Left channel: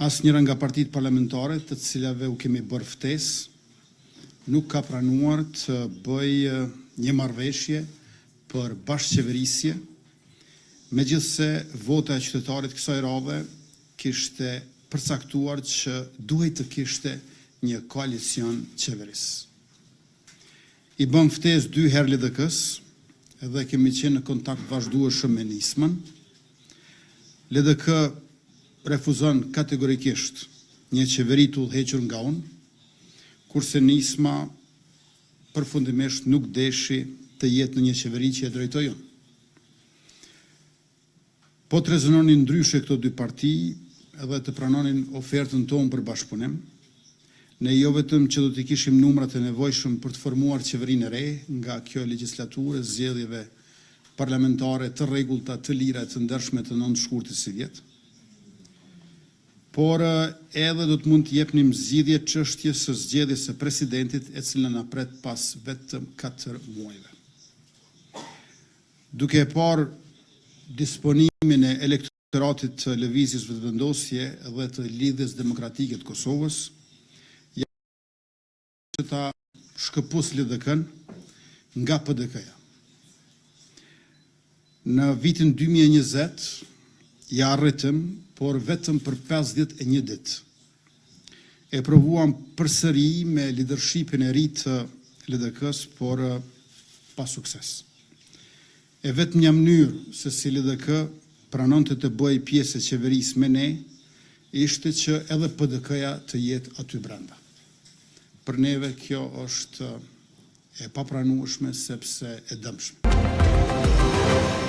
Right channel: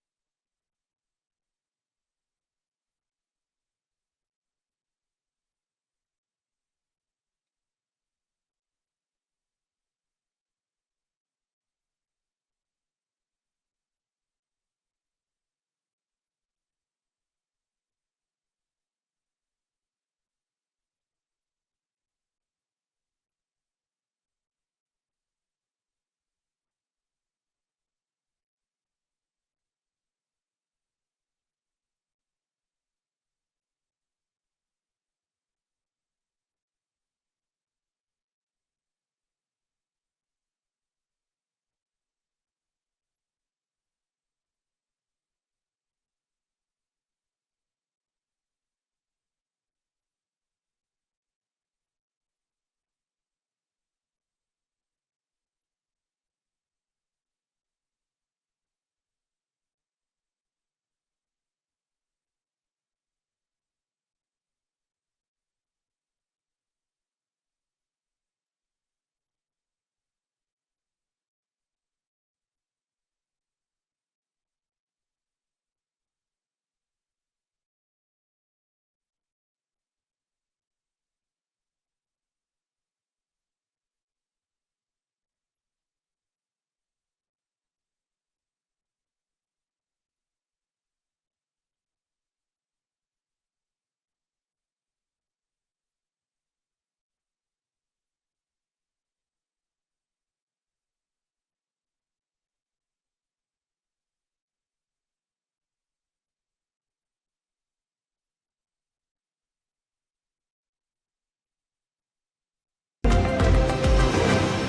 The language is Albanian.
Asnjëra nga partitë parlamentare të cilave u kemi bërë ftesë nuk ka pranuar të bëjë një marrëveshje për bashkëqeverisje, megjithse vota e qytetarit kësaj radhe kishte përcaktuar që duhej të kishte një koalicion qeveris. I bëm ftesë 2 herë LDK-s dhe kemi qenë në kontakt vazhdueshëm me Nismën. LDK refuzon kategorikisht një qeveri të udhëhequr nga unë, kurse Nisma përfundimisht nuk deshi të jetë në një qeveri që e drejtoj unë. Po të rezononin ndryshe këto dy parti edhe të pranonin ofertën tonë për bashkëpunim, ne jo vetëm që do të kishim numrat e nevojshëm për të formuar qeverinë e re nga kjo legjislaturë, zgjedhjeve parlamentare të rregullta, të lira, të ndershme të 9 shkurtit si vjet, por edhe do të mund të jepnim zgjidhje çështjes së zgjedhjes së presidentit, e cila na pret pas vetëm 4 muajve. Duke e parë disponimin e elektoratit të lëvizjes vetëvendosje dhe të lidhjes demokratike të Kosovës, që ta shkëpus LDK-n nga PDK-ja. Në vitin 2020 ja arritëm, por vetëm për 51 ditë. E provuam përsëri me leadershipin e ri të LDK-s, por pa sukses. E vetëm një mënyrë se si LDK pranonte të bëjë pjesë e qeverisë me ne, ishte që edhe PDK-ja të jetë aty brenda. Për neve kjo është e papranueshme sepse e dëmshme.